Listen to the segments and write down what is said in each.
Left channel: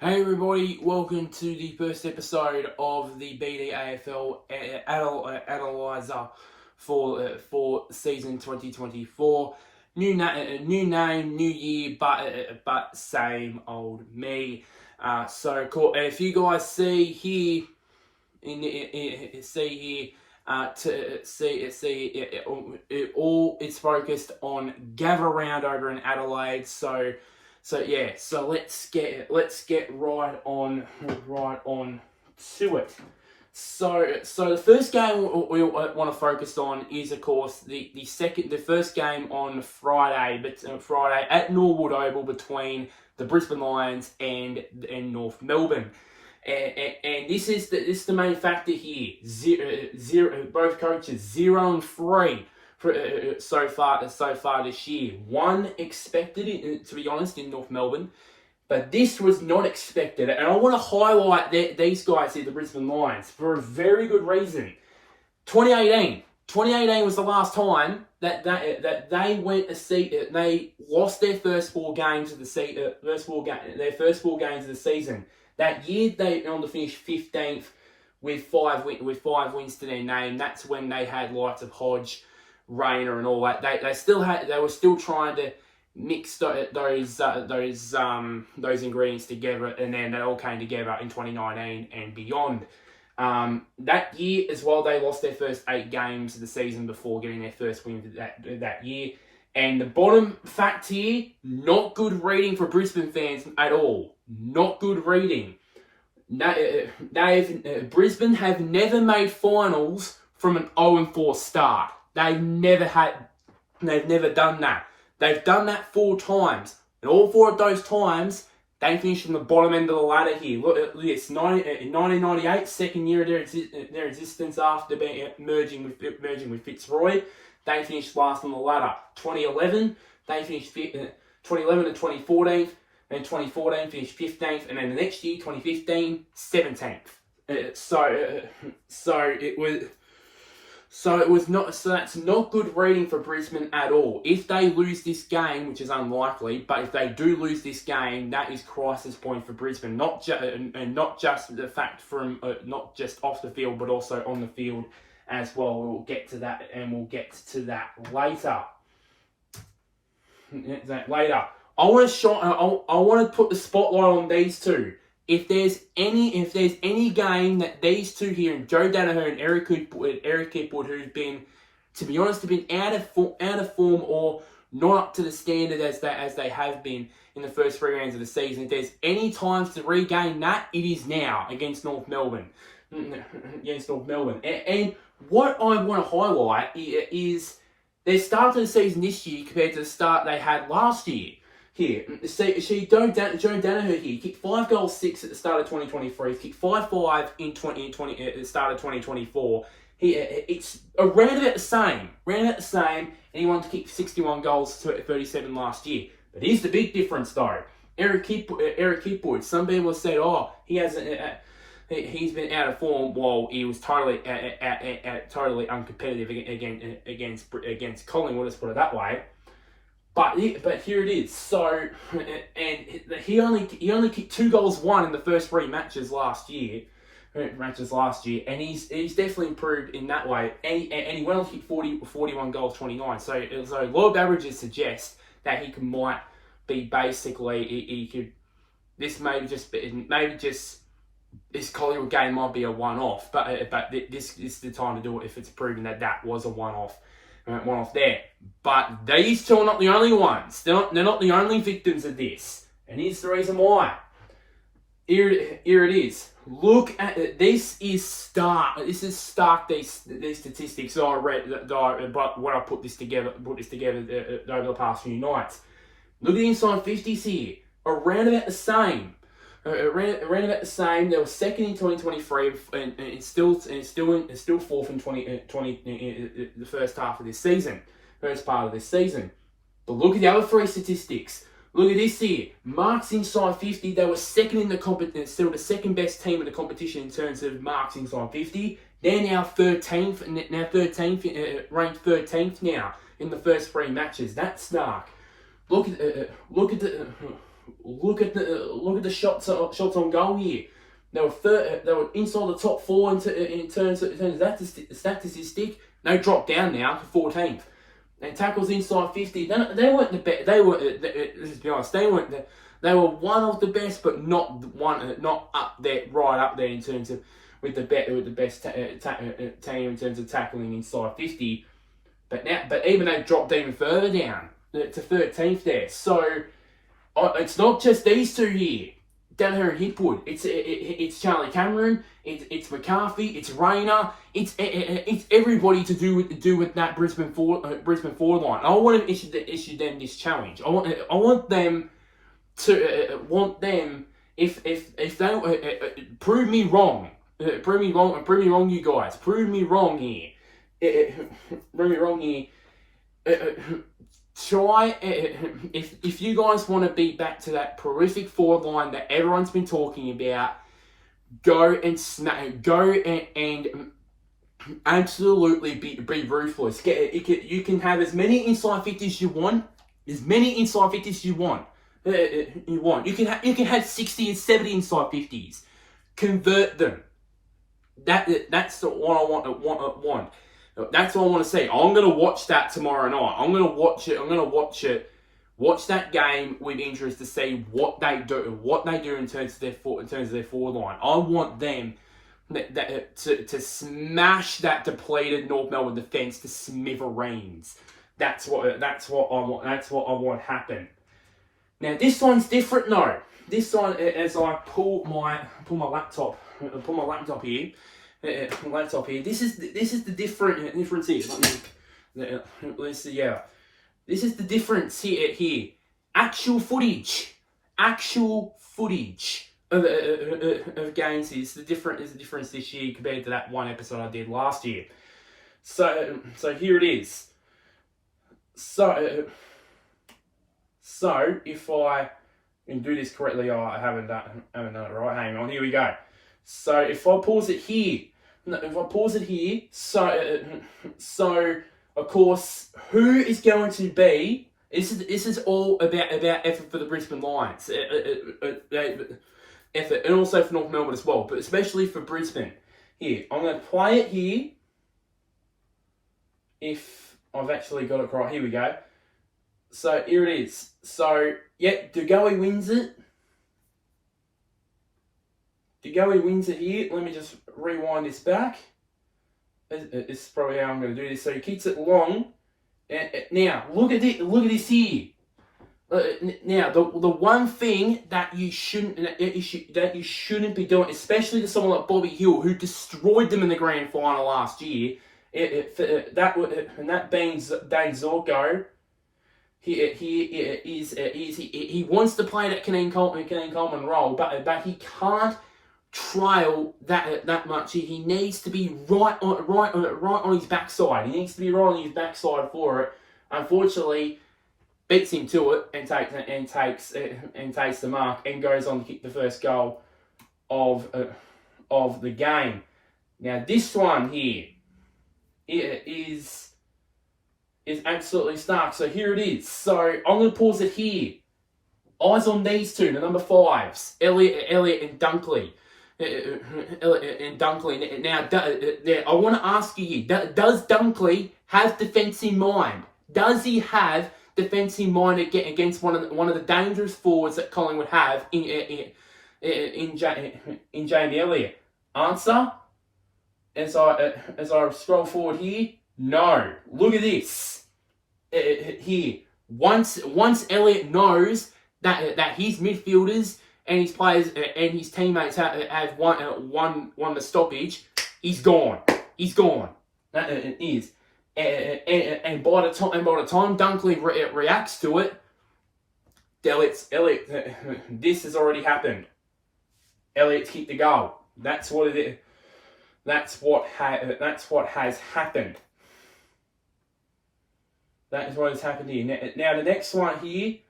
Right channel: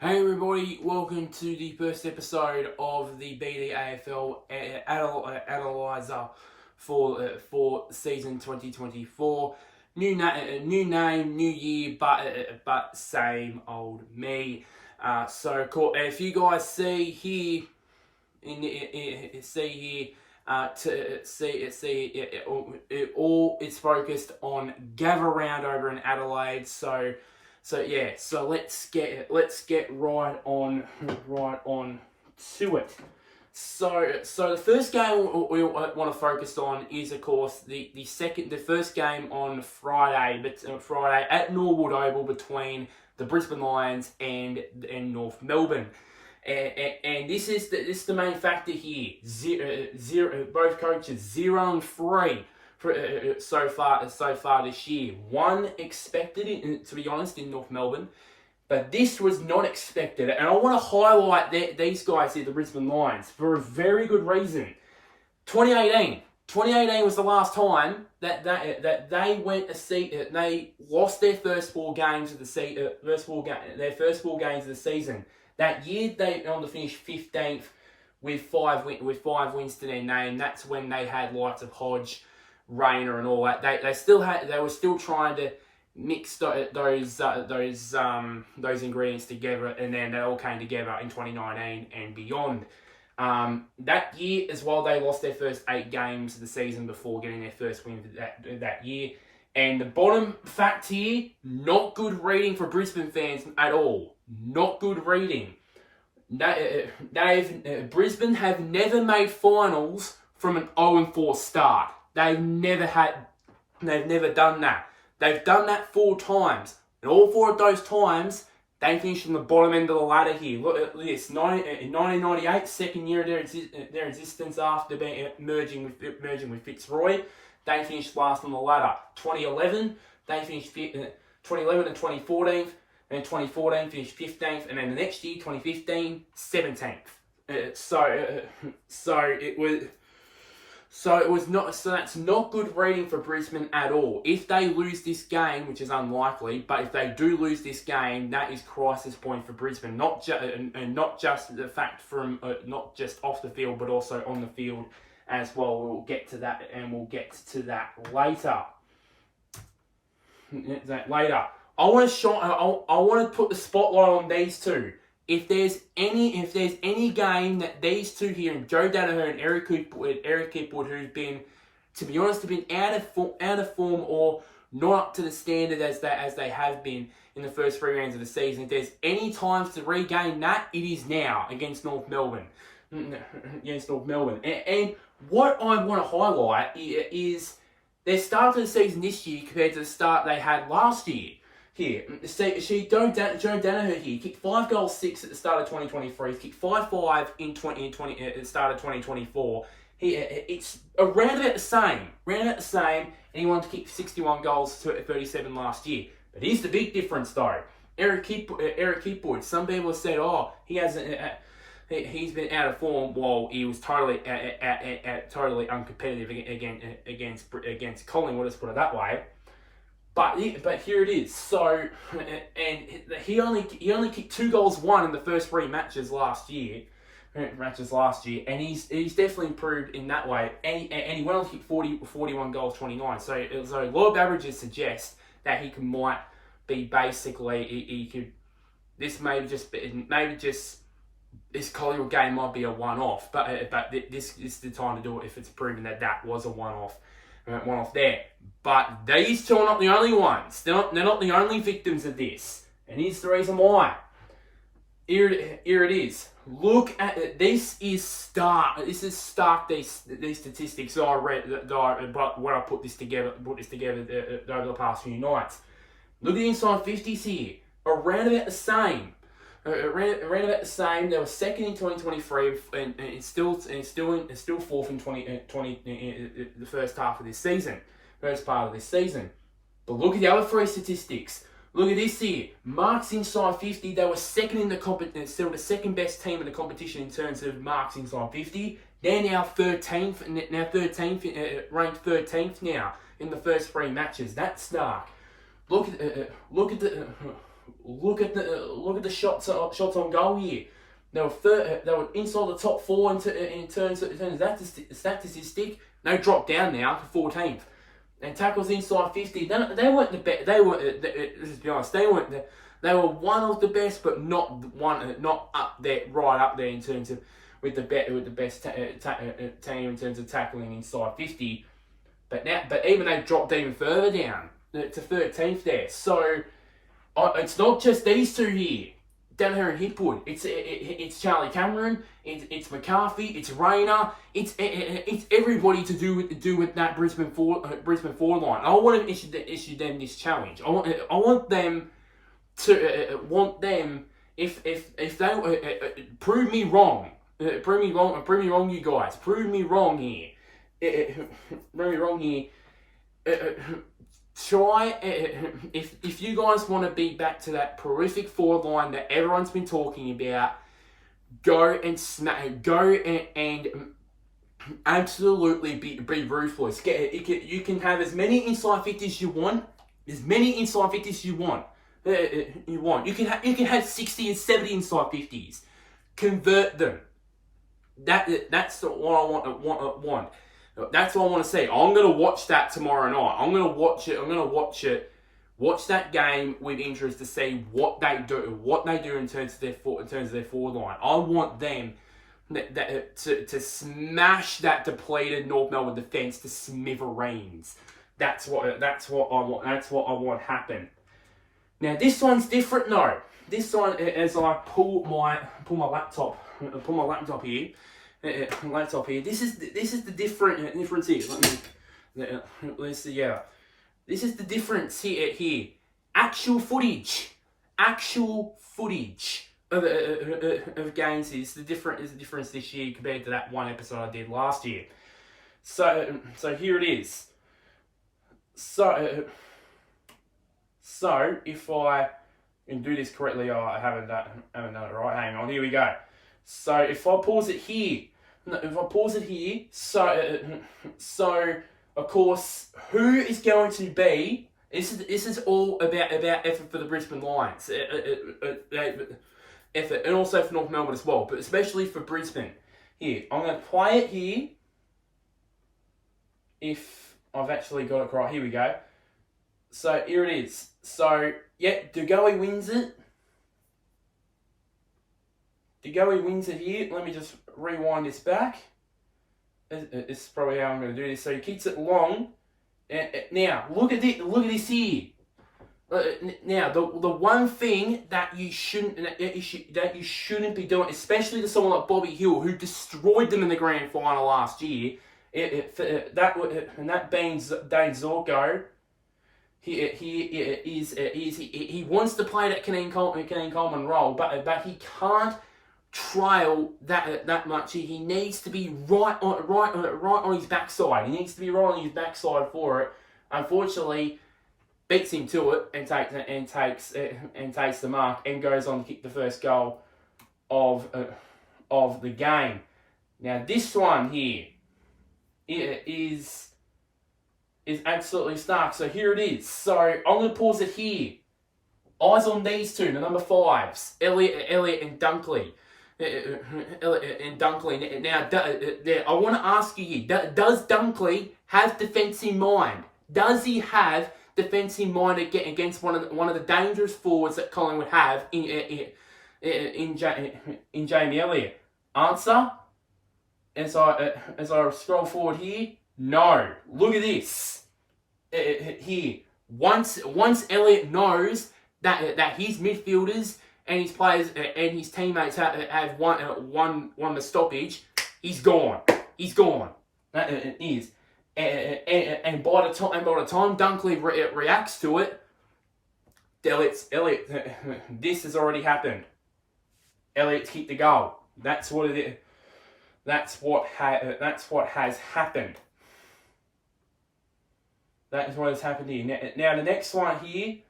Hey everybody, welcome to the first episode of the BD AFL Analyser for season 2024. New name, new year, but same old me. So cool. If you guys see here it's focused on gather round over in Adelaide. So let's get right on to it. So the first game we want to focus on is, of course, the first game on Friday, Friday at Norwood Oval between the Brisbane Lions and North Melbourne. And this is the main factor here. Zero, both coaches 0-3 for, so far this year. One expected, to be honest, in North Melbourne, but this was not expected. And I want to highlight these guys here, the Brisbane Lions, for a very good reason. 2018 was the last time that they went they lost their first four games of the season. That year they finished 15th with five wins to their name. That's when they had likes of Hodge, Rayner, and all that. They were still trying to mix those ingredients together, and then they all came together in 2019 and beyond. That year as well, they lost their first 8 games of the season before getting their first win that year. And the bottom fact here, not good reading for Brisbane fans at all. Not good reading. Brisbane have never made finals from an 0-4 start. They've never done that. They've done that 4 times. And all 4 of those times, they finished on the bottom end of the ladder here. Look at this. In 1998, second year of their existence after merging with Fitzroy, they finished last on the ladder. 2011, they finished 2011 and 2014. And 2014 finished 15th, and then the next year, 2015, 17th. That's not good reading for Brisbane at all. If they lose this game, which is unlikely, but if they do lose this game, that is crisis point for Brisbane. Not just the fact from not just off the field, but also on the field as well. We'll get to that, and we'll get to that later. I want to put the spotlight on these two. If there's any game that these two here, and Joe Danaher and Eric Hipwood, who've been, to be honest, have been out of form or not up to the standard as they have been in the first 3 rounds of the season. If there's any times to regain that, it is now against North Melbourne. And what I want to highlight is their start to the season this year compared to the start they had last year. Here, Joe Danaher here kicked 5 goals 6 at the start of 2023. He kicked 5-5 at the start of 2024. It's around about the same. And he wanted to kick 61 goals to 37 last year. But here's the big difference, though. Eric Hipwood. Some people have said, he's been out of form while he was totally uncompetitive against Collingwood. Let's put it that way. But here it is. So, and he only kicked 2 goals 1 in the first 3 matches last year, and he's definitely improved in that way. And he went on to kick 41 goals 29. So law of averages suggest that he might be basically he could. This this Collingwood game might be a one-off, but this is the time to do it if it's proven that was a one-off there. But these two are not the only ones. They're not the only victims of this. And here's the reason why. Here it is. Look at it. This is stark. These statistics that I read. But when I put this together over the past few nights. Look at the inside 50s here. Around about the same. They were second in 2023, and it's still fourth in the first half of this season, first part of this season. But look at the other 3 statistics. Look at this here. Marks inside 50. They were second in the competition, still the second best team in the competition in terms of marks inside 50. They're now 13th, ranked 13th now in the first 3 matches. That's snark. Look at look at the shots on goal here. They were inside the top 4 in terms of that statistic. They dropped down now to 14th. And tackles inside 50. They weren't the best. Let's be honest. They were one of the best, but not up there, right up there in terms of with the best team in terms of tackling inside 50. But even they dropped even further down to 13th there. So it's not just these two here. Down here in Hipwood, it's Charlie Cameron, it's McCarthy, it's Rayner, it's everybody to do with that Brisbane forward line. I want to issue them this challenge. I want them if they prove me wrong, you guys, prove me wrong here. Try, if you guys want to be back to that prolific forward line that everyone's been talking about, go and absolutely be ruthless. You can have as many inside 50s you want, You can have 60 and 70 inside 50s. Convert them. That's what I want. That's what I want to see. I'm going to watch that tomorrow night. I'm going to watch that game with interest to see what they do in terms of their forward line. I want them to smash that depleted North Melbourne defence to smithereens. That's what I want happen. Now this one's different though. This one, as I pull my laptop here. This is the difference here. Let's see. Yeah, this is the difference here. Actual footage of games. Is the difference this year compared to that one episode I did last year. So here it is. So if I can do this correctly, I haven't done it right. Hang on, here we go. So if I pause it here, so of course, who is going to be? This is all about effort for the Brisbane Lions, effort, and also for North Melbourne as well, but especially for Brisbane. Here, I'm going to play it here. If I've actually got it right, here we go. So here it is. So yeah, Dugowie wins it. Dugowie wins it here. Let me just rewind this back. This is probably how I'm going to do this. So he kicks it long. Now look at this here. Now the one thing that you shouldn't be doing, especially to someone like Bobby Hill, who destroyed them in the grand final last year, that being Dane Zorko. He wants to play that Caneen Coleman role, but he can't trail that much. He needs to be right on his backside. He needs to be right on his backside for it. Unfortunately, beats him to it and takes the mark and goes on to kick the first goal of the game. Now this one here is absolutely stark. So here it is. So I'm going to pause it here. Eyes on these two, the number 5s, Elliott and Dunkley. Now, I want to ask you here, does Dunkley have defence in mind? Does he have defence in mind against one of the dangerous forwards that Collingwood have in Jamie Elliott? Answer, as I scroll forward here, no. Look at this. Here, once Elliott knows that his midfielders and his players and his teammates have won the stoppage, he's gone. That is, and by the time Dunkley reacts to it, Elliott, this has already happened. Elliott's kicked the goal. That's what it is. That's what has happened. That is what has happened here. Now the next one here.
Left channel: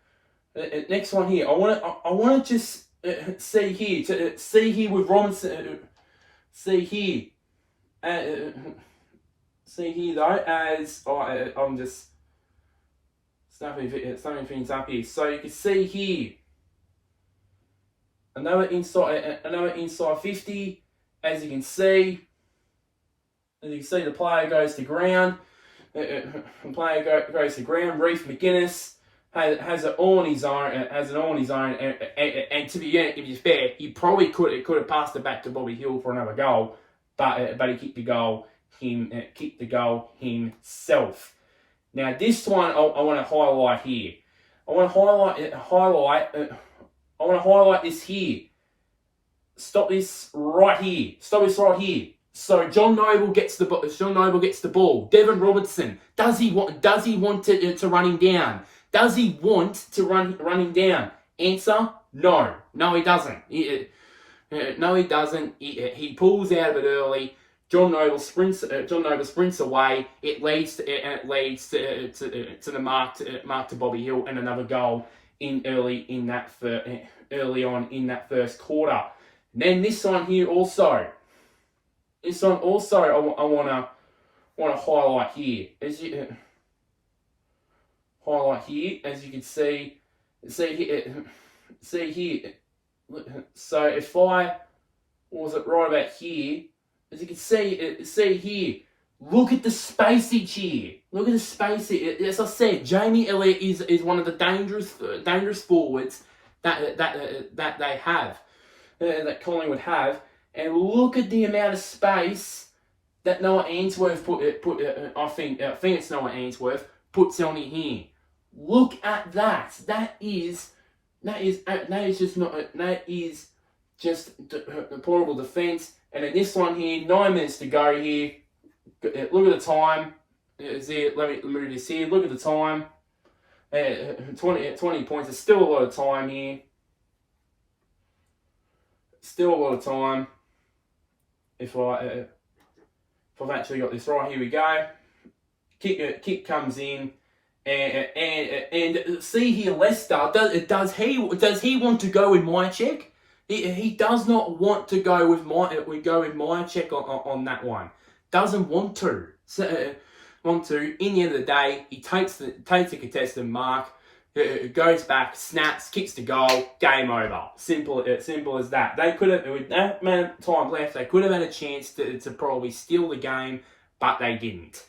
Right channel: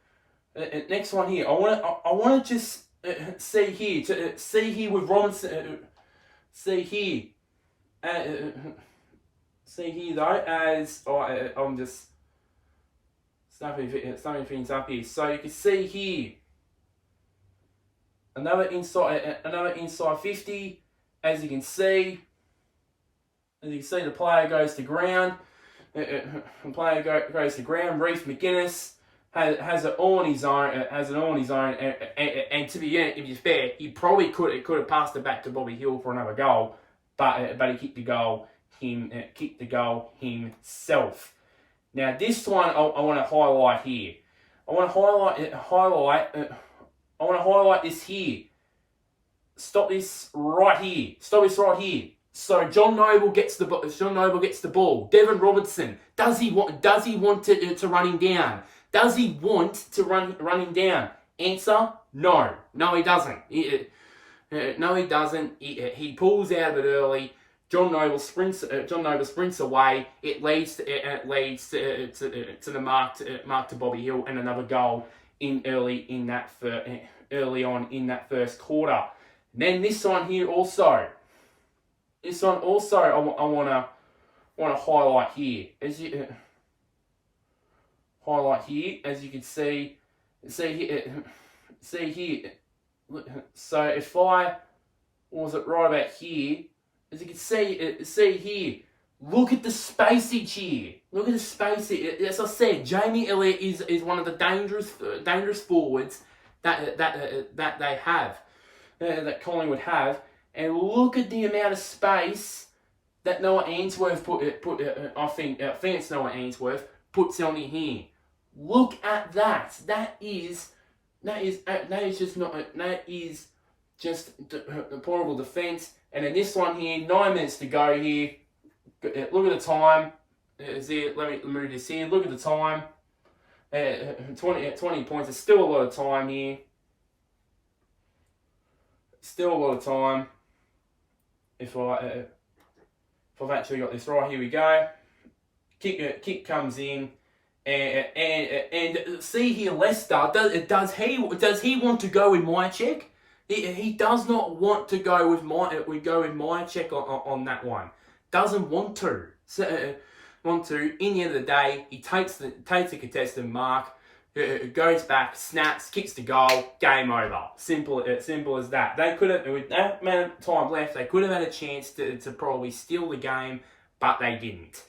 I want to just see here with Robinson. See here though, as I'm just snapping things up here. So you can see here another inside 50. As you can see, the player goes to ground. The player goes to ground. Reece McGuinness has it all on his own. And to be fair, he probably could have passed it back to Bobby Hill for another goal, but he kicked the goal himself. Now this one I want to highlight here. I want to highlight this here. Stop this right here. So John Noble gets the ball. Devon Robertson, does he want to run him down? Does he want to run him down? Answer: no. No, he doesn't. No, he doesn't. He pulls out of it early. John Noble sprints away. It leads to the mark to Bobby Hill, and another goal early on in that first quarter. And then this one here also. I want to highlight here. As you can see here. So if I was it right about here, as you can see here, look at the spacage here. As I said, Jamie Elliott is one of the dangerous forwards that they have, that Collingwood have. And look at the amount of space that Noah Ainsworth I think it's Noah Ainsworth puts on in here. Look at that. That is just deplorable defence. And then this one here, 9 minutes to go here. Look at the time. Let me move this here. Look at the time. 20 points. There's still a lot of time here. Still a lot of time. If I've actually got this right, here we go. Kick comes in, and see here, Leicester. Does he want to go with Myercheck? He does not want to go with Myercheck on that one. Doesn't want to. In the end of the day, he takes the contested mark. Goes back, snaps, kicks the goal, game over. Simple as that. They could have, with that amount of time left, they could have had a chance to probably steal the game, but they didn't.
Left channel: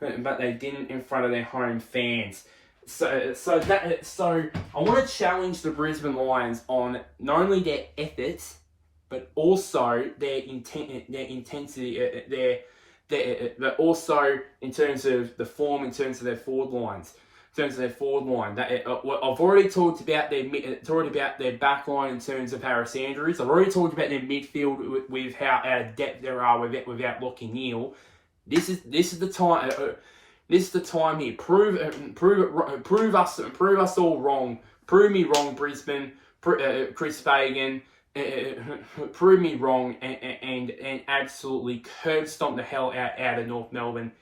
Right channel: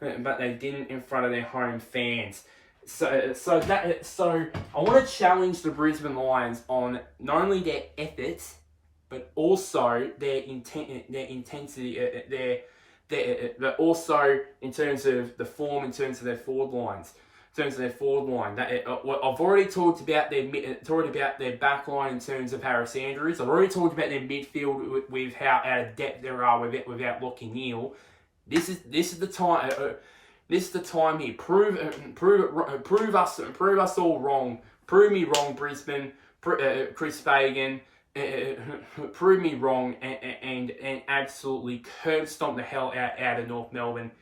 In front of their home fans. So I want to challenge the Brisbane Lions on not only their efforts, but also their intensity, but also in terms of the form, in terms of their forward lines. I've already talked about their back line in terms of Harris Andrews. I've already talked about their midfield with how out of depth there are without Lockie Neal. This is the time. This is the time here. Prove us all wrong. Prove me wrong, Brisbane. Chris Fagan. Prove me wrong and absolutely curb stomp the hell out of North Melbourne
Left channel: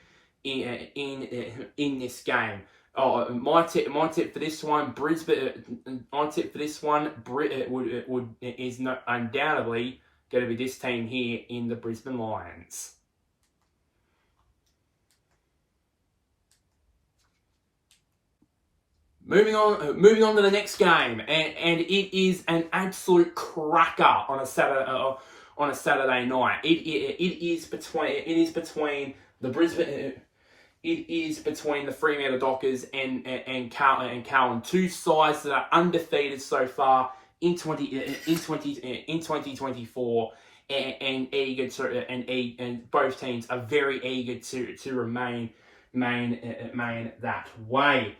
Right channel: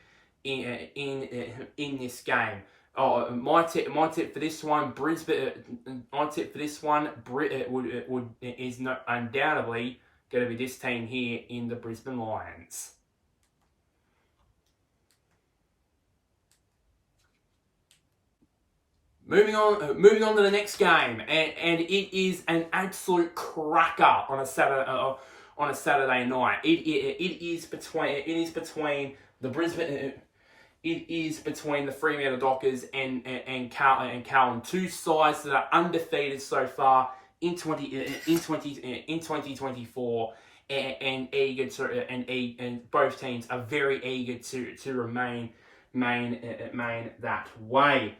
in this game. My tip for this one, Brisbane. My tip for this one, is not undoubtedly going to be this team here in the Brisbane Lions. Moving on to the next game, and it is an absolute cracker on a Saturday night. It is between the Brisbane. It is between the Fremantle Dockers and Carlton, two sides that are undefeated so far in 2024, and both teams are very eager to remain that way.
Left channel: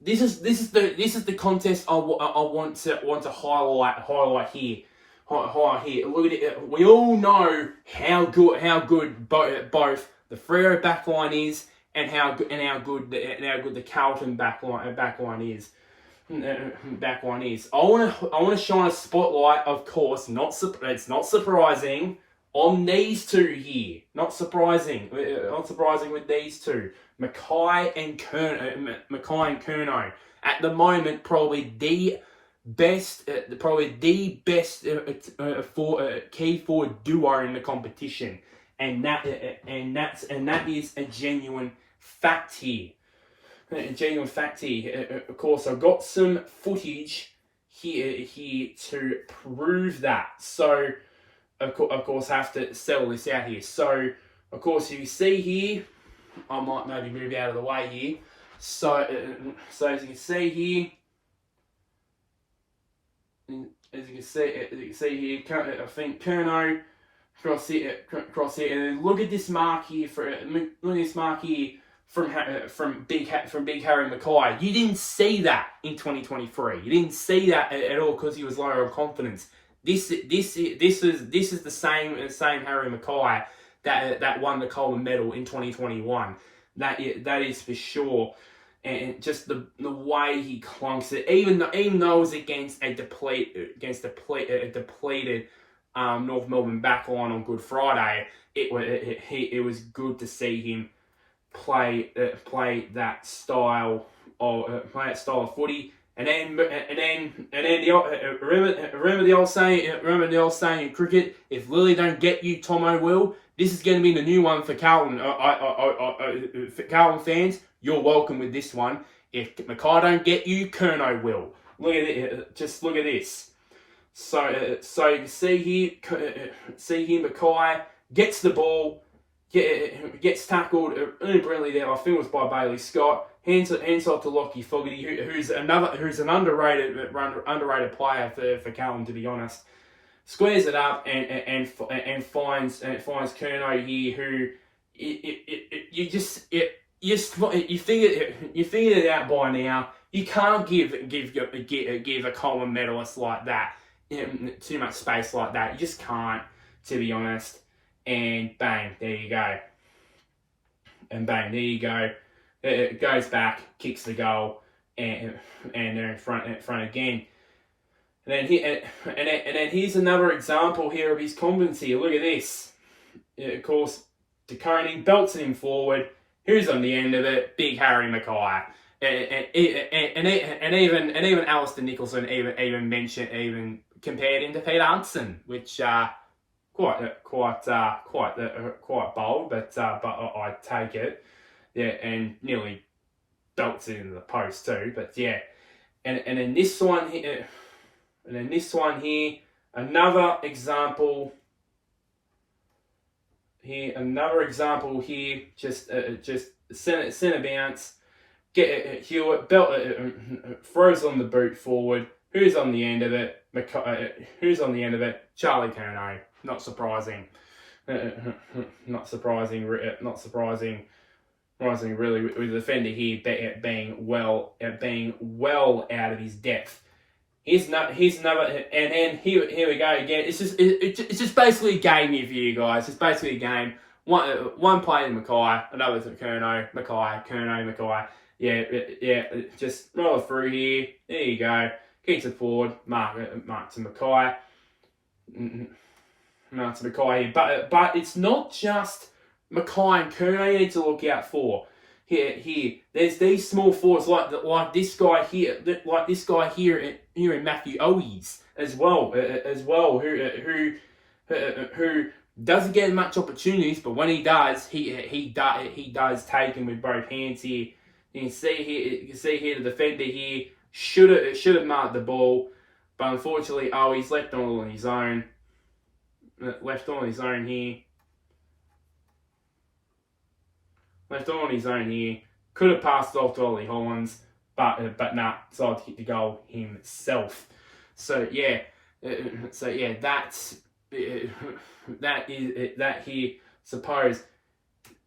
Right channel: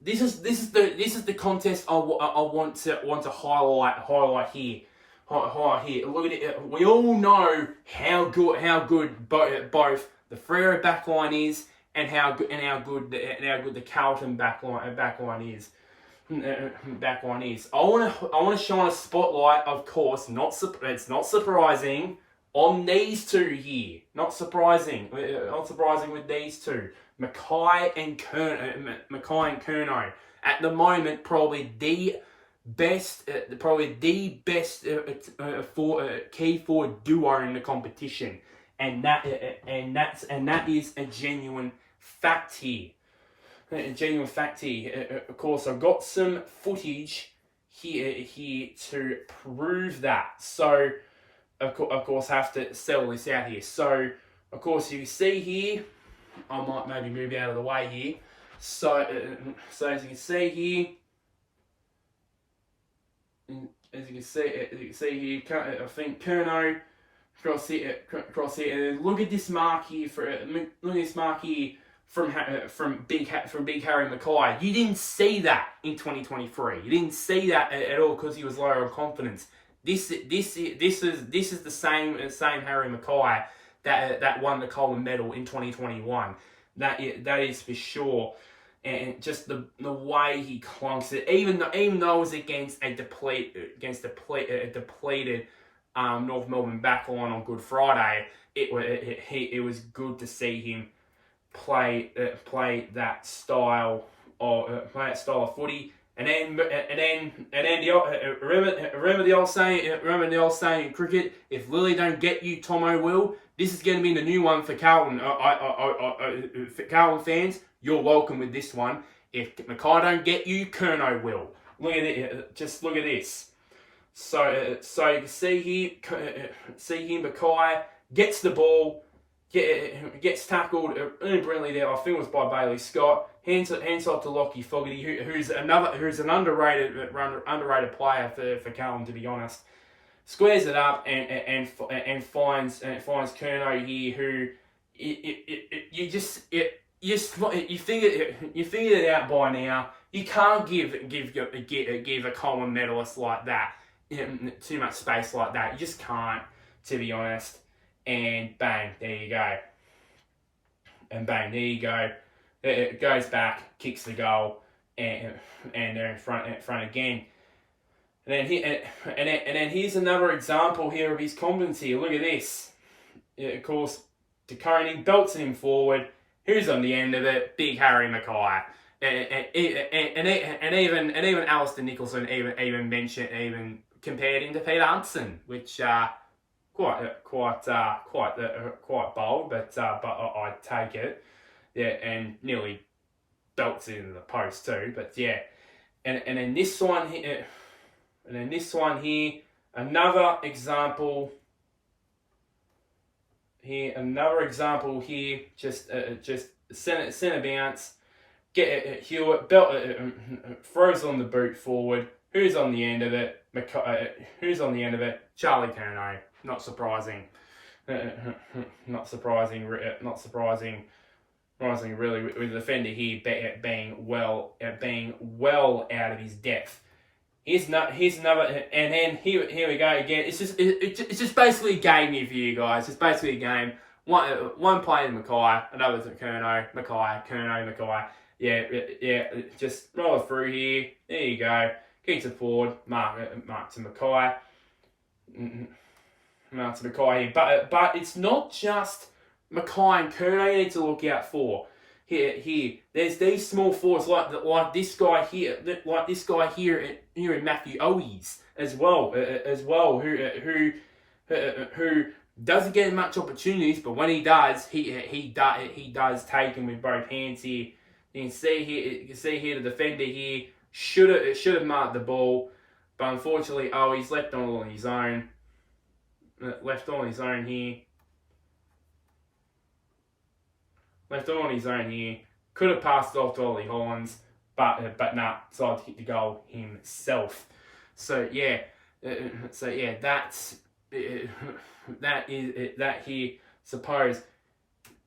This is the contest I want to highlight here. Look at it. We all know how good both the Freo backline is, and how good the Carlton backline is. I want to shine a spotlight, of course. It's not surprising on these two here. Not surprising with these two, Mackay and Curnow. At the moment, probably the best key forward duo in the competition. And that is a genuine fact here. Of course, I've got some footage here to prove that. So, of course, have to settle this out here. So, of course, you see here, I might maybe move out of the way here. So as you can see here, as you can see here, I think Curnow cross here, and look at this mark here from Big Harry Mackay. You didn't see that in 2023. You didn't see that at all because he was lower on confidence. This is the same Harry Mackay that won the Coleman Medal in 2021. That is for sure. And just the way he clunks it, even though it was against a depleted North Melbourne backline on Good Friday, it was good to see him play that style of footy. And then remember the old saying in cricket: if Lily don't get you, Tomo will. This is going to be the new one for Carlton. For Carlton fans, you're welcome with this one. If Mackay don't get you, Curnow will. Look at it. Just look at this. So you can see here, Mackay gets the ball, gets tackled brilliantly there. I think it was by Bailey Scott. Hands off to Lockie Fogarty, who's an underrated player for Carlton, to be honest. Squares it up and finds Curnow here, who you figured it out by now. You can't give a Coleman medalist like that too much space like that. You just can't, to be honest. And bang, there you go. And bang, there you go. It goes back, kicks the goal, and they're in front again. And then here's another example here of his confidence here. Look at this. Of course, DeConey belts him forward. Who's on the end of it? Big Harry Mackay. And even Alistair Nicholson even compared him to Peter Hudson, which quite bold, but I'd take it. Yeah, and nearly belts it into the post too. But yeah, and then this one here. And then this one here, another example here, just centre bounce, get Hewitt, belt, throws on the boot forward. Who's on the end of it? Charlie Curnow. Not surprising. Not surprising. Really, with the defender here being well out of his depth. Here's another, and then here we go again. It's just basically a game here for you guys. It's basically a game. One play to Mackay, another to Curnow, Mackay. Yeah. Just roll through here. There you go. Keeps it forward. Mark to Mackay. Mark to Mackay here. But it's not just Mackay and Curnow you need to look out for. Here, there's these small forwards like this guy here, here in Matthew Owies as well, who doesn't get much opportunities, but when he does, he does take them with both hands here. You can see here the defender here should have marked the ball, but unfortunately Owies left all on his own. Left all on his own here. Could have passed it off to Ollie Hollins, but nah, decided to kick the goal himself. So yeah, that's that here. Suppose,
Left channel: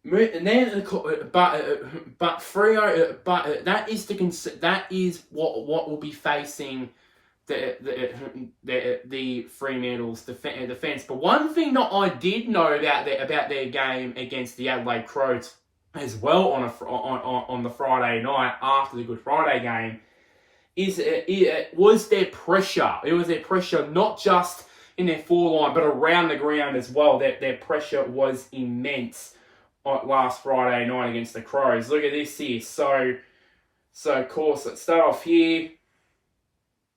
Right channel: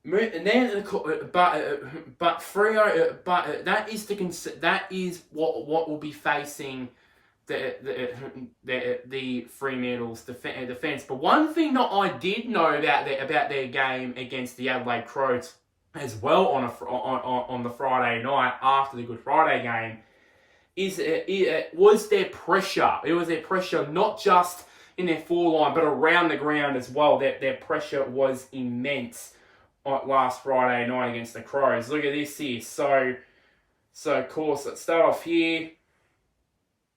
and then but Freo, but that is what will be facing the Fremantle's defence. But one thing that I did know about their game against the Adelaide Crows as well on the Friday night after the Good Friday game was their pressure. It was their pressure not just in their forline but around the ground as well. Their pressure was immense last Friday night against the Crows. Look at this here. So of course, let's start off here.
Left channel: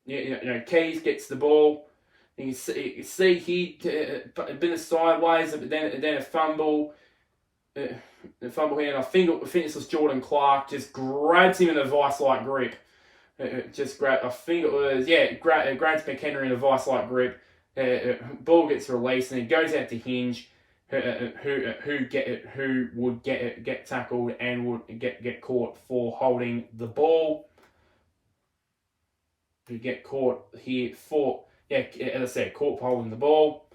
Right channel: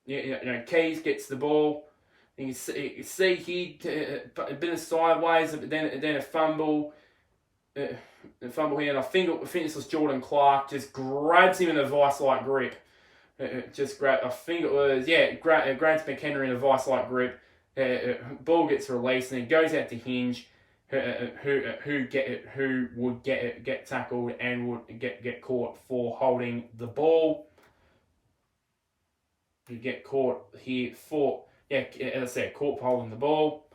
Keys gets the ball. You can see here a bit of sideways, but then a fumble. The fumble here, and I think this was Jordan Clark, just grabs him in a vice-like grip. just grab. I think it was grabs McHenry in a vice-like grip. Ball gets released and it goes out to Hinge. Who would get tackled and would get caught for holding the ball. You get caught here for as I said, caught for holding the ball.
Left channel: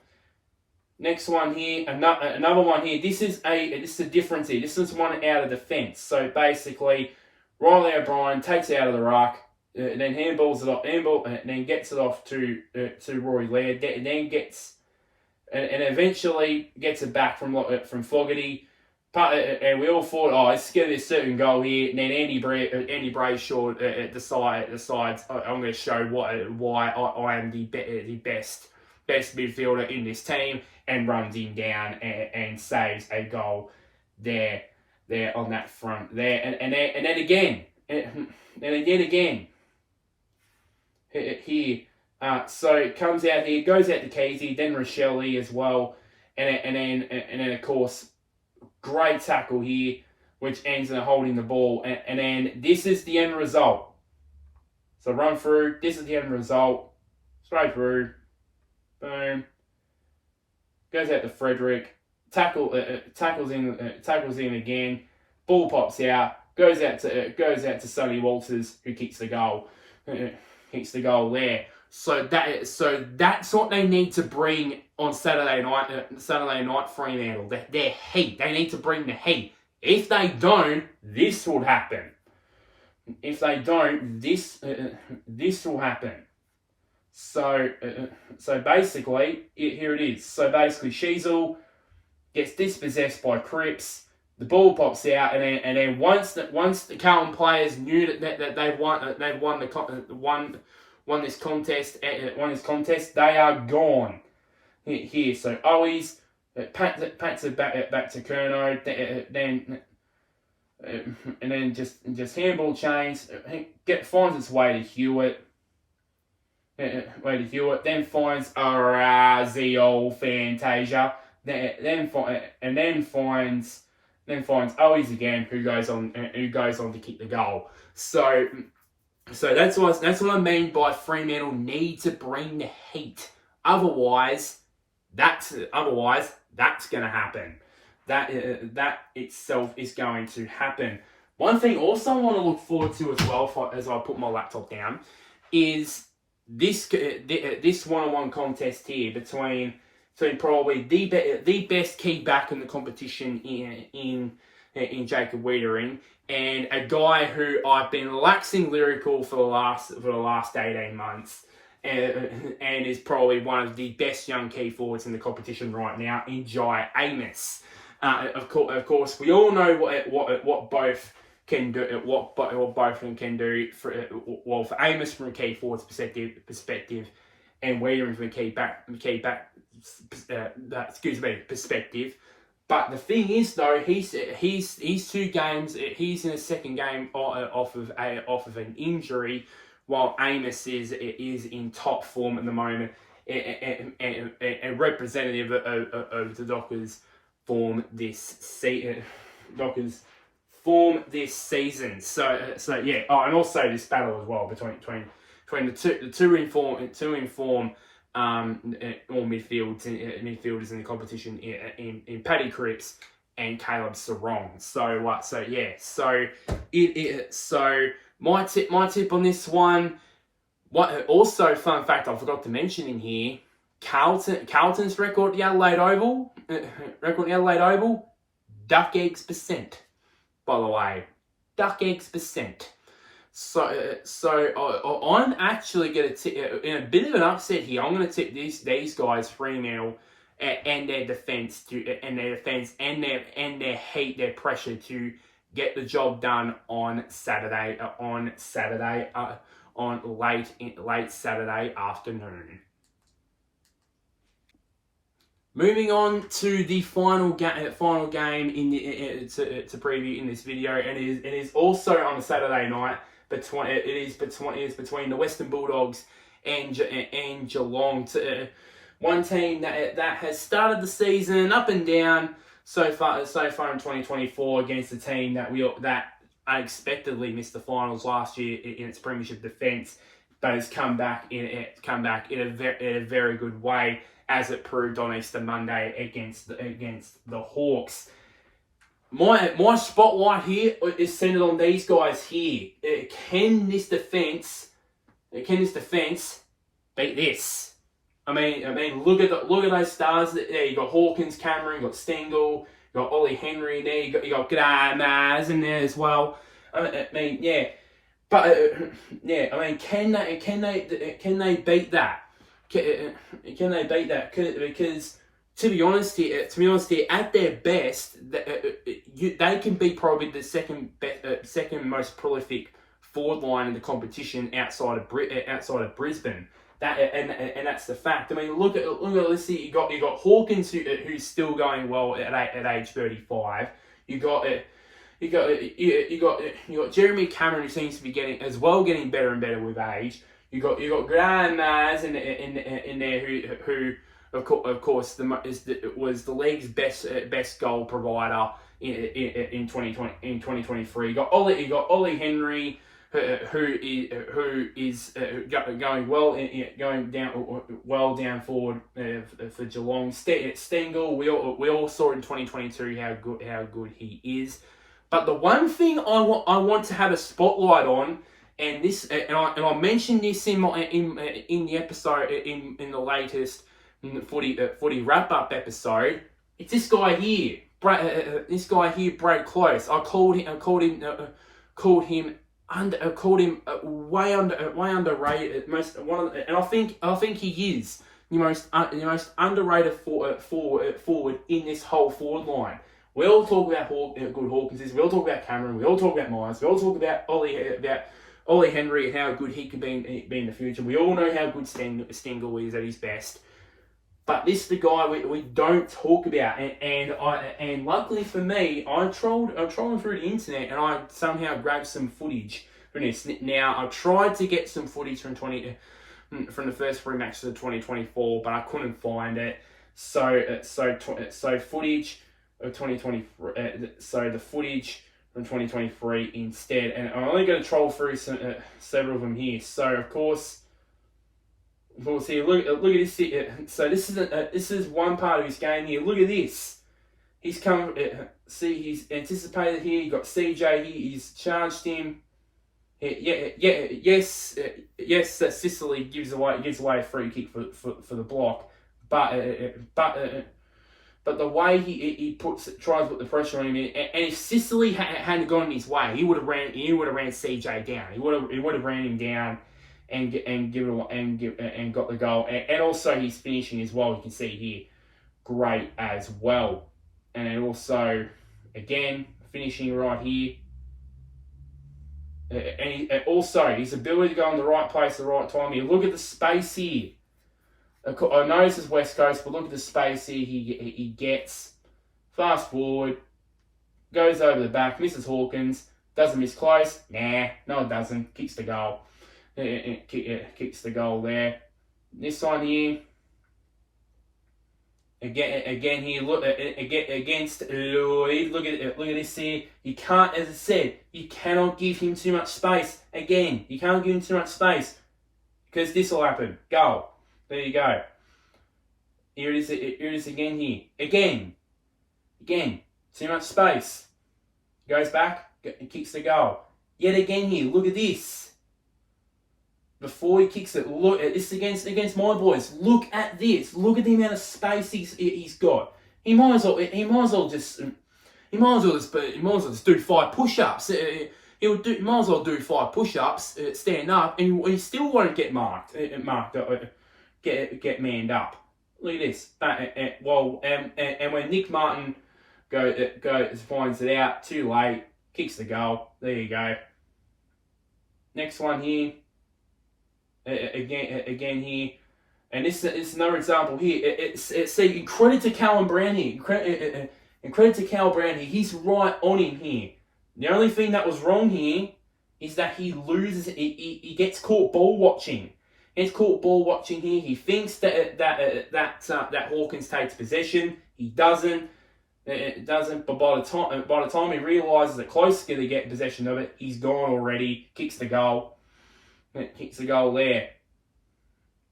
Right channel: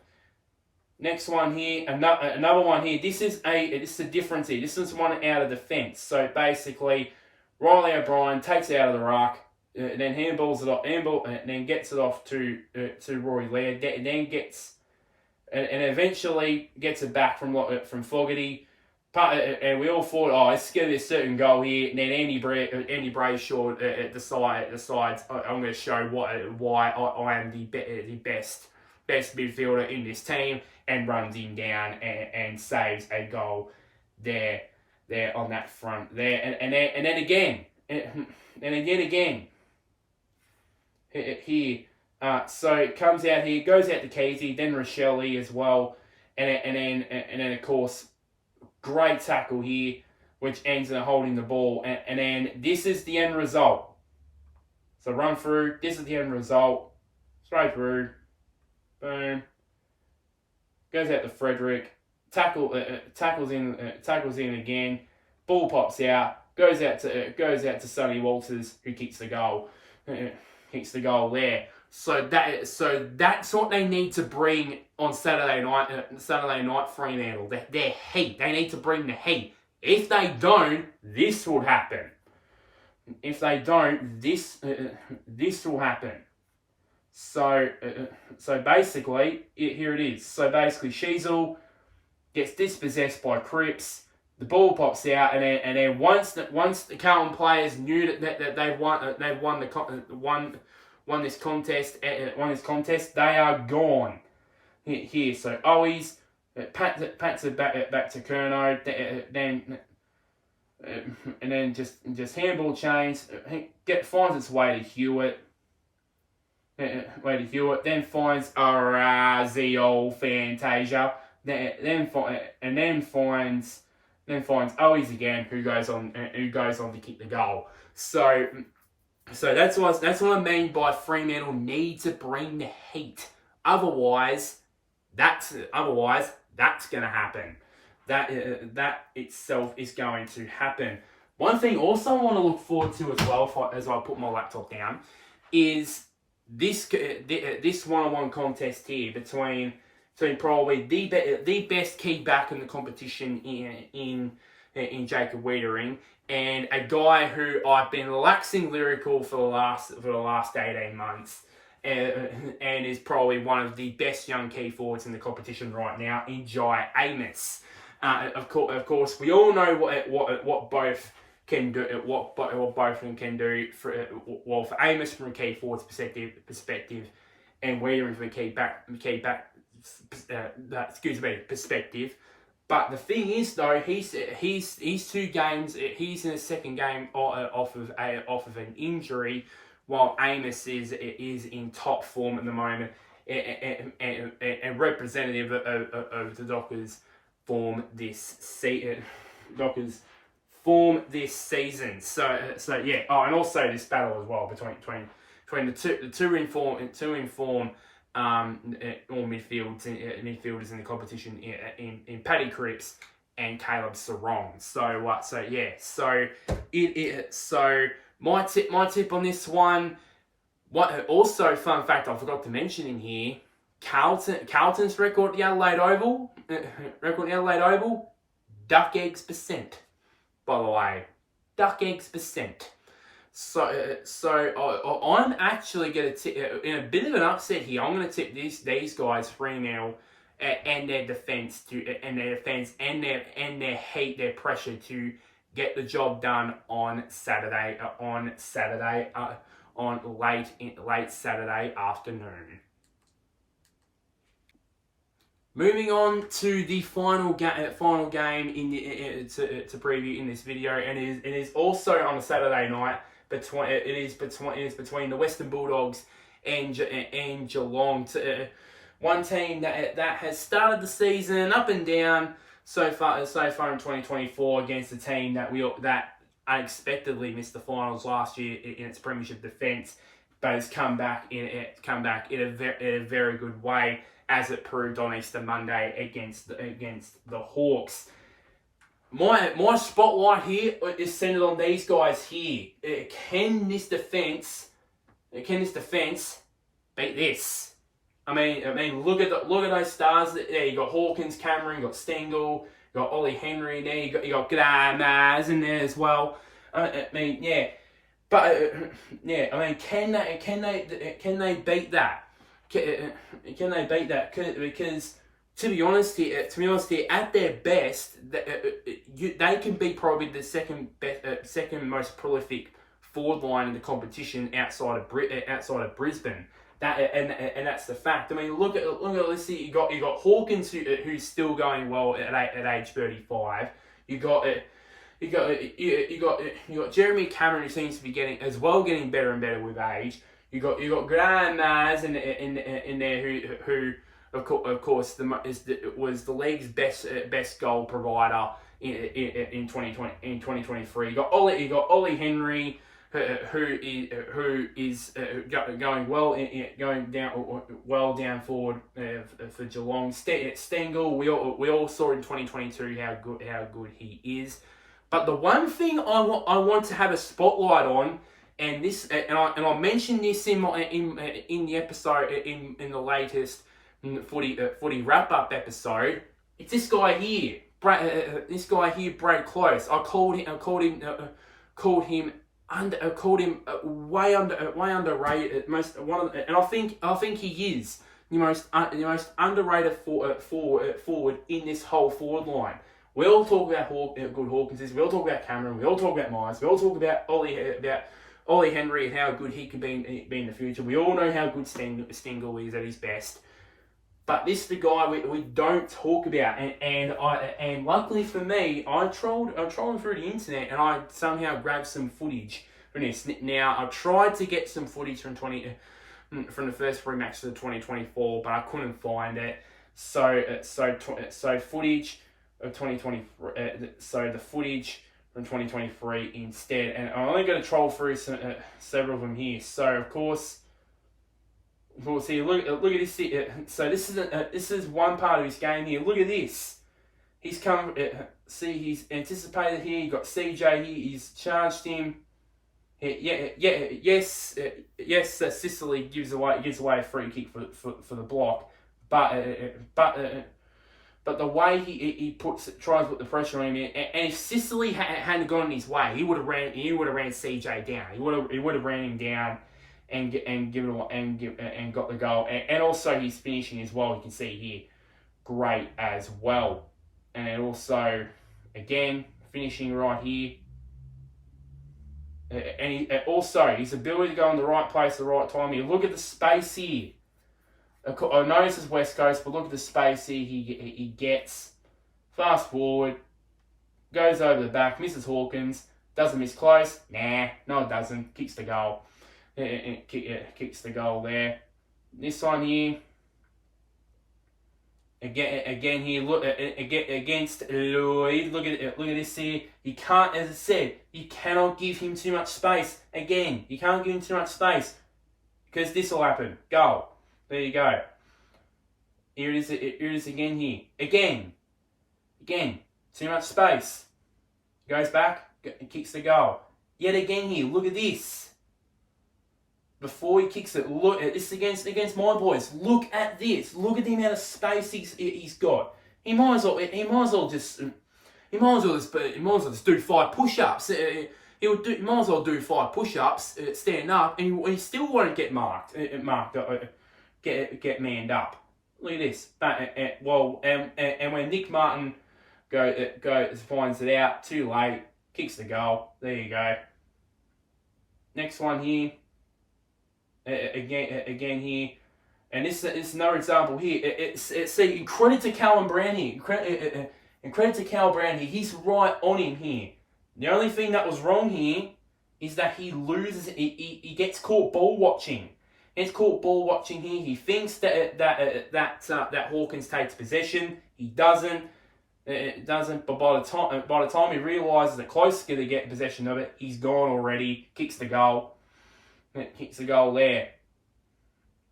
Next one here, another one here. This is a difference here. This is one out of defence. So basically, Riley O'Brien takes it out of the ruck, then handballs it off, and then gets it off to Rory Laird. Then gets and eventually gets it back from Fogarty. And we all thought, it's going to be a certain goal here. And then Andy Brayshaw decides I'm going to show why I am the best midfielder in this team, and runs him down and saves a goal there on that front there. And then again here. So it comes out here, goes out to Casey, then Rochelle as well, and then of course, great tackle here, which ends in holding the ball, and then this is the end result. So run through. This is the end result. Straight through, boom. Goes out to Frederick. Tackles in again. Ball pops out. Goes out to Sonny Walters, who kicks the goal. Kicks the goal there. So that's what they need to bring on Saturday night, Fremantle. Their heat. They need to bring the heat. If they don't, this will happen. If they don't, this will happen. So basically, here it is. So basically, Sheasel gets dispossessed by Cripps. The ball pops out, and then once the Carlton players knew that they've won this contest, they are gone. Here, so Owies pats it back to Curnow, and then just handball chains, finds its way to Hewitt. Then finds Razio Fantasia. Then finds Owies again, who goes on to kick the goal. So that's what I mean by Fremantle need to bring the heat. Otherwise, that's going to happen. That itself is going to happen. One thing also I want to look forward to as well, as I put my laptop down, is this one-on-one contest here between probably the best key back in the competition in Jacob Wiedering, and a guy who I've been waxing lyrical for the last 18 months, and is probably one of the best young key forwards in the competition right now, in Jai Amos. Of course, we all know what both can do. What both of them can do for Amos from a key forward's perspective, and Wiedering from a key back perspective. But the thing is, though, he's 2 games. He's in his second game off of an injury, while Amos is in top form at the moment, and representative of the Dockers form this season. So yeah. Oh, and also this battle as well between the two informed all midfielders in the competition in Paddy Cripps and Caleb Sarong. So my tip on this one. Also, fun fact I forgot to mention in here: Carlton's record at the Adelaide Oval, duck eggs %. By the way, duck eggs %. So I'm actually going to tip, in a bit of an upset here, I'm going to tip these guys, Fremantle, and their defence and their heat, their pressure to get the job done on Saturday, late Saturday afternoon. Moving on to the final game to preview in this video, and it is also on a Saturday night. It is between the Western Bulldogs and Geelong. One team that has started the season up and down so far in 2024 against a team that unexpectedly missed the finals last year in its premiership defence, but has come back in a very good way, as it proved on Easter Monday against the Hawks. My spotlight here is centered on these guys here. Can this defence beat this? I mean, look at those stars there. You got Hawkins, Cameron, you got Stengel, you got Ollie Henry there. You got Maz in there as well. I mean, yeah, but yeah. I mean, can they beat that? Can they beat that? Because to be honest here, at their best, they can be probably the second most prolific forward line in the competition outside of Brisbane. And that's the fact. I mean, look at this here. You got Hawkins who's still going well at age 35. You got Jeremy Cameron, who seems to be getting better and better with age. You got Graham Maz in there who of course was the league's best goal provider in 2023. You got Ollie Henry, who is going well down forward for Geelong. Stengel, we all saw in 2022 how good he is. But the one thing I want to have a spotlight on, and I mentioned this in the episode in the latest footy wrap up episode. It's this guy here, Brad Close. I called him way underrated. And I think he is the most underrated forward in this whole forward line. We all talk about good Hawkins. We all talk about Cameron. We all talk about Myers. We all talk about Ollie Henry and how good he can be in the future. We all know how good Stengel is at his best. But this is the guy we don't talk about, and luckily for me, I'm trolling through the internet and I somehow grabbed some footage from this. Now I tried to get some footage from the first 3 matches of 2024, but I couldn't find it. So footage of 2023. So the footage from 2023 instead, and I'm only going to troll through several of them here. So of course. We'll see. Look at this. So this is one part of his game here. Look at this. He's come. He's anticipated here. You got CJ here. He's charged him. Yes. Sicily gives away a free kick for the block, but the way he tries to put the pressure on him, and if Sicily hadn't gone his way, he would have ran CJ down. He would have ran him down. And got the goal, and also his finishing as well. You can see here, great as well, and also again finishing right here, and also his ability to go in the right place at the right time. Here, look at the space here. I know this is West Coast, but look at the space here. He gets fast forward, goes over the back, misses Hawkins, doesn't miss close. No, it doesn't. Kicks the goal. Kicks the goal there. This one here, again here. Look against Lloyd. Look at this here. You can't, as I said, you cannot give him too much space. Again, you can't give him too much space because this will happen. Goal. There you go. Here it is again here. Again. Too much space. Goes back. Kicks the goal. Yet again here. Look at this. Before he kicks it, look. This is against my boys. Look at this. Look at the amount of space he's got. He might as well just do 5 push-ups. He might as well do 5 push-ups, stand up, and he still won't get marked. Get manned up. Look at this. And when Nick Martin finds it out, too late, kicks the goal. There you go. Next one here. Again here, and this is another example here. See, credit to Callum Brown here. Credit to Cal Brown here. He's right on him here. The only thing that was wrong here is that he loses. He gets caught ball watching. He's caught ball watching here. He thinks that Hawkins takes possession. He doesn't. It doesn't, but by the time he realises that Close is going to get possession of it, he's gone already. Kicks the goal. Kicks the goal there.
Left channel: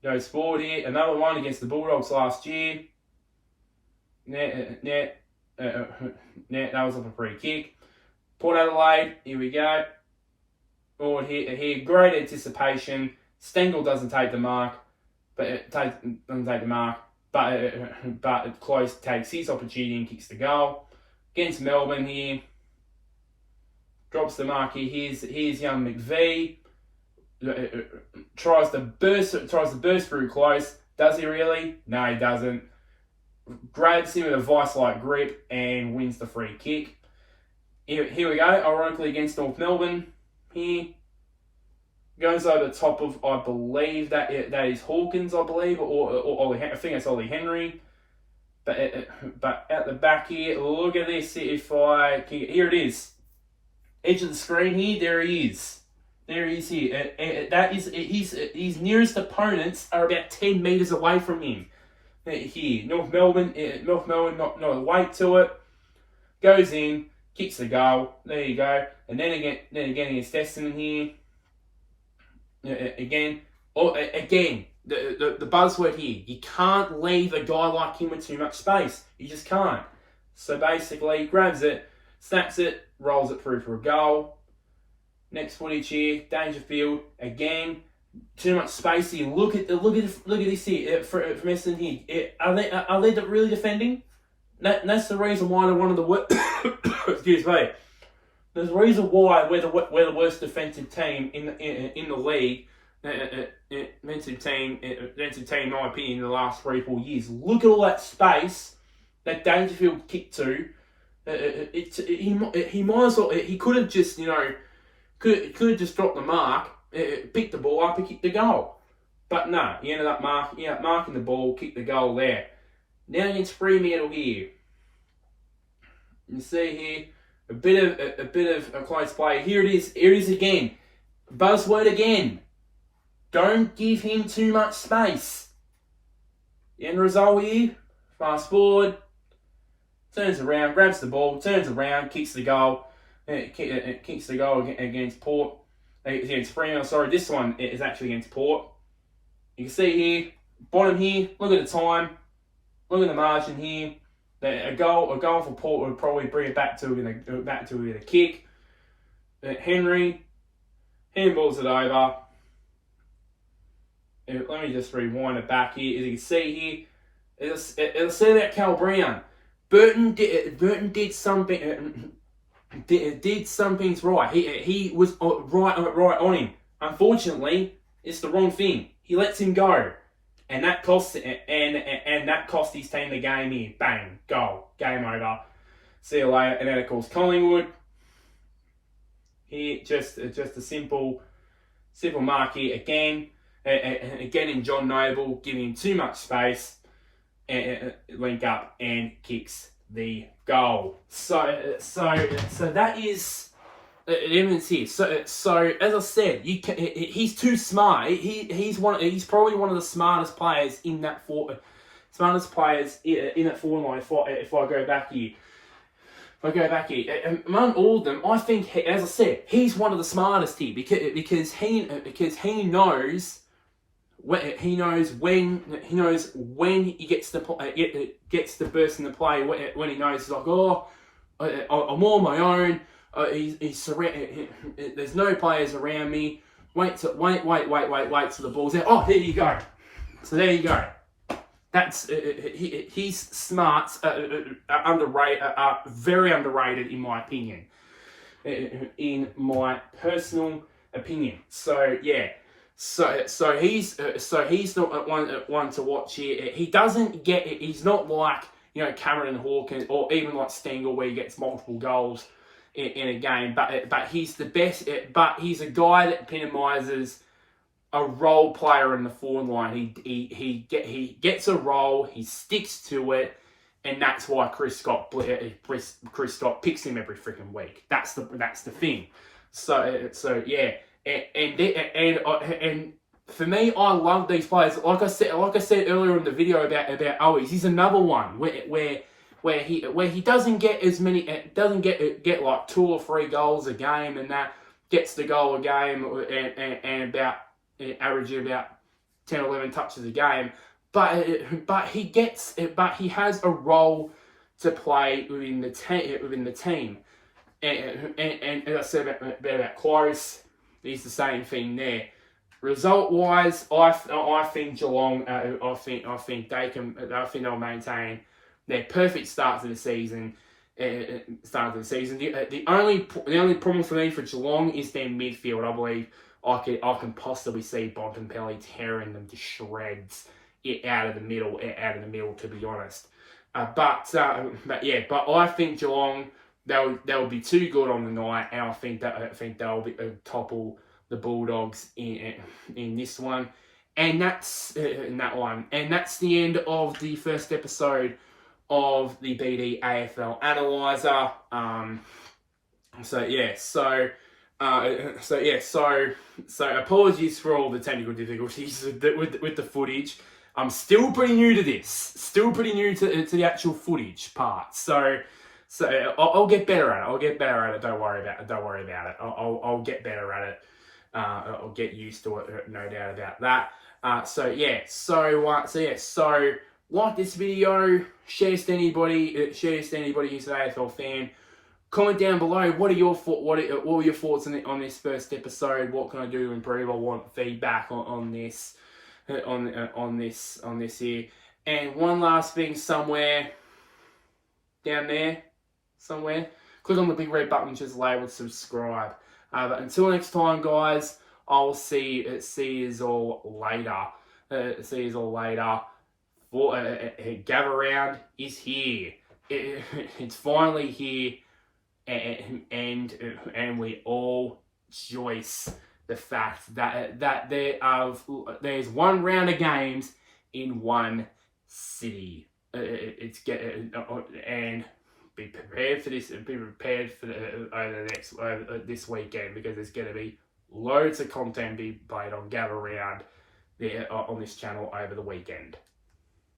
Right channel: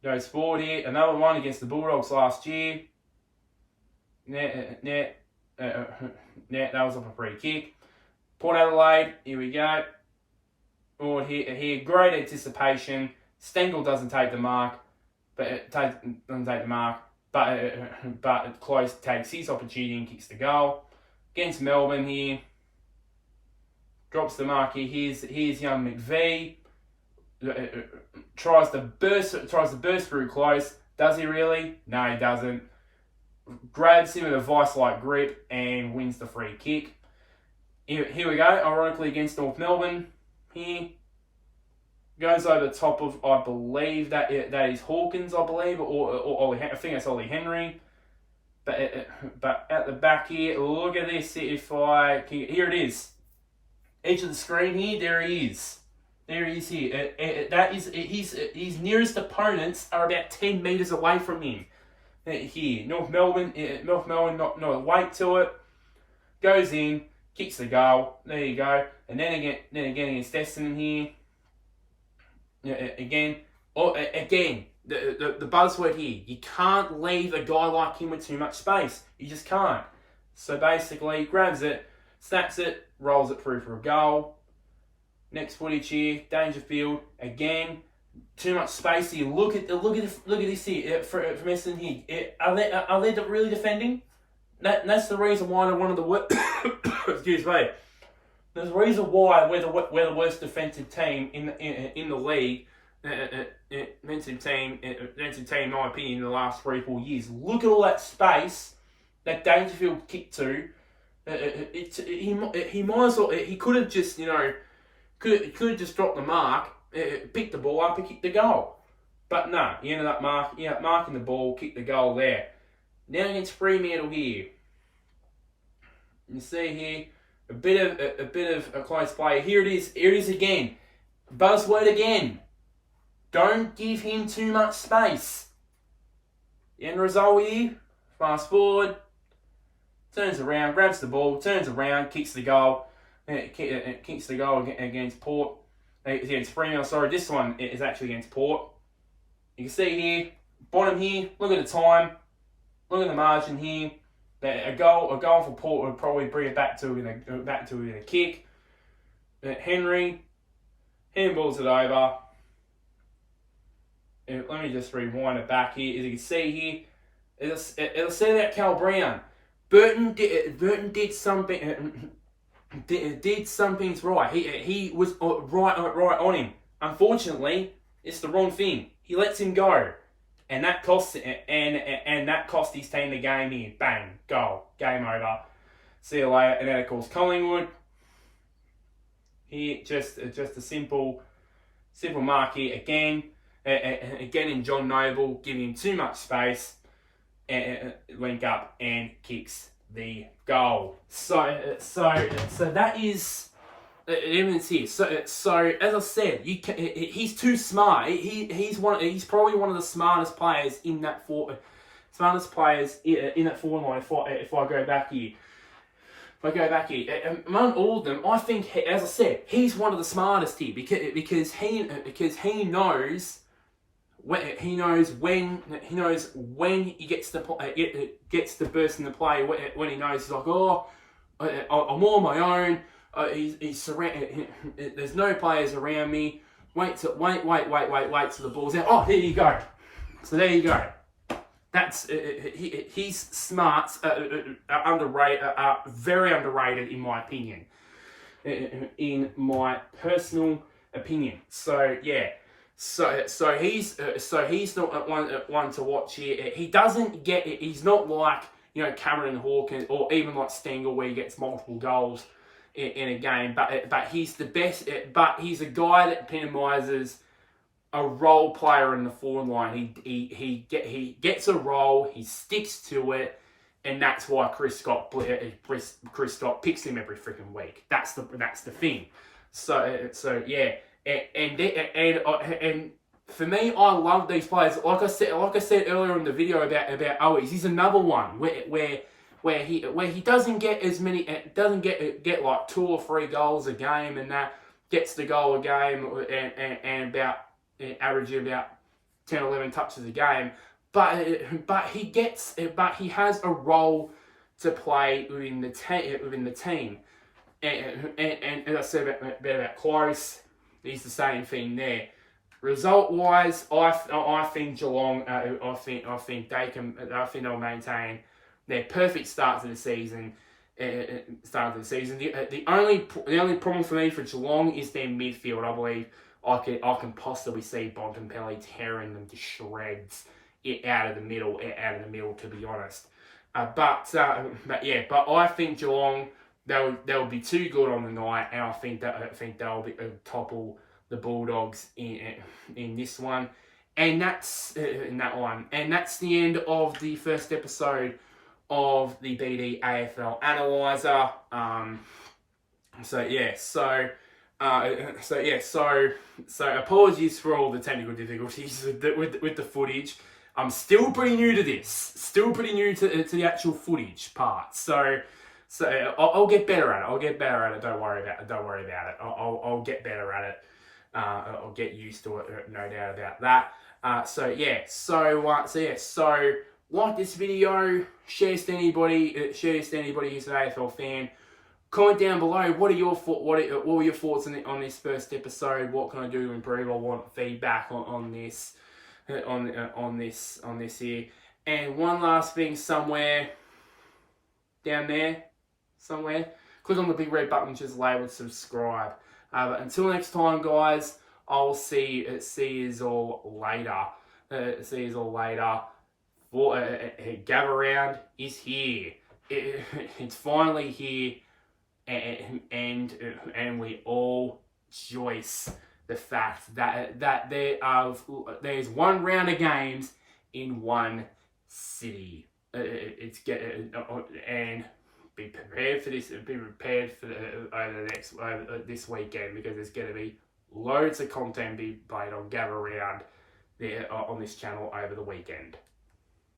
Goes forward here. Another one against the Bulldogs last year. That was off a free kick. Port Adelaide, here we go. Forward here, great anticipation. Stengel doesn't take the mark, but Close takes his opportunity and kicks the goal. Against Melbourne here, drops the mark here. Here's young McVee. Tries to burst through Close. Does he really? No, he doesn't. Grabs him with a vice-like grip and wins the free kick. Here we go. Ironically, against North Melbourne here. Goes over the top of, I believe that is Hawkins, I believe, or I think it's Ollie Henry. But at the back here, look at this. Here it is, edge of the screen here. There he is. There he is here. That is his nearest opponents are about 10 meters away from him. Here, North Melbourne, not a weight to it. Goes in, kicks the goal. There you go. And then again against Essendon here. Again, the buzzword here, you can't leave a guy like him with too much space. You just can't. So basically, grabs it, snaps it, rolls it through for a goal. Next footage here, Dangerfield, again, too much space here. Look at this here from Essendon here. Are they really defending? That's the reason why they're one of the worst. Excuse me. There's a reason why we're the worst defensive team in the league. Defensive team, in my opinion, in the last 3-4 years. Look at all that space that Dangerfield kicked to. He might as well. He could have just could have just dropped the mark, picked the ball up, and kicked the goal. But no, he ended up marking the ball, kicked the goal there. Now against Fremantle here, you see here. A bit of a close play. Here it is. Here it is again. Buzzword again. Don't give him too much space. The end result here. Fast forward. Turns around, grabs the ball, turns around, kicks the goal. Kicks the goal against Port. Against Fremantle. Sorry, this one is actually against Port. You can see here, bottom here. Look at the time. Look at the margin here. A goal for Port would probably bring it back to within a kick. Henry handballs it over. Let me just rewind it back here. As you can see here, it'll say that Cal Brown. Burton did something. Did some things right. He was right on him. Unfortunately, it's the wrong thing. He lets him go. And that cost his team the game here. Bang, goal, game over. See you later. And then of course Collingwood. Here, just a simple mark here again. Again in John Noble, giving him too much space. Link up and kicks the goal. So that is. Evidence here. So as I said, he's too smart. He's probably one of the smartest players in that forward line. If I go back here, among all of them, I think, as I said, he's one of the smartest here because he knows when he gets to burst into play when he knows he's like, I'm on my own. He's surrounded. There's no players around me. Wait till the ball's out. Oh, here you go. So there you go. That's his smarts are underrated. Are very underrated in my opinion. In my personal opinion. So yeah. So he's not one to watch here. He doesn't get it. He's not like Cameron Hawkins or even like Stengel where he gets multiple goals in a game, but he's the best. But he's a guy that epitomises a role player in the forward line. He gets a role, he sticks to it, and that's why Chris Scott picks him every freaking week. That's the thing. So yeah, and for me, I love these players. Like I said earlier in the video about Owens, he's another one where where he doesn't get as many, doesn't get like 2 or 3 goals a game, and that gets the goal a game and about averaging about 10 or 11 touches a game, but he has a role to play within the team. And as I said about Close, it's the same thing there. Result wise, I think Geelong. I think they'll maintain their perfect start to the season. The only problem for me for Geelong is their midfield. I believe I can possibly see Bontempelli tearing them to shreds out of the middle. To be honest, but I think Geelong they'll be too good on the night, and I think they'll topple the Bulldogs in this one, and that's in that one, and that's the end of the first episode of the BD AFL Analyser. So apologies for all the technical difficulties with the footage. I'm still pretty new to this, still pretty new to the actual footage part. So I'll get better at it. Don't worry about it. I'll get better at it. I'll get used to it, no doubt about that. So like this video, share this to anybody who's an AFL fan. Comment down below. What are your thoughts on this first episode? What can I do to improve? I want feedback on this here. And one last thing, somewhere down there, click on the big red button which is labeled subscribe. But until next time, guys, I'll see you all later. Gather Round is here. It's finally here, and we all rejoice the fact that there's one round of games in one city. And be prepared for this. Be prepared for over this weekend, because there's going to be loads of content be played on Gather Round there on this channel over the weekend.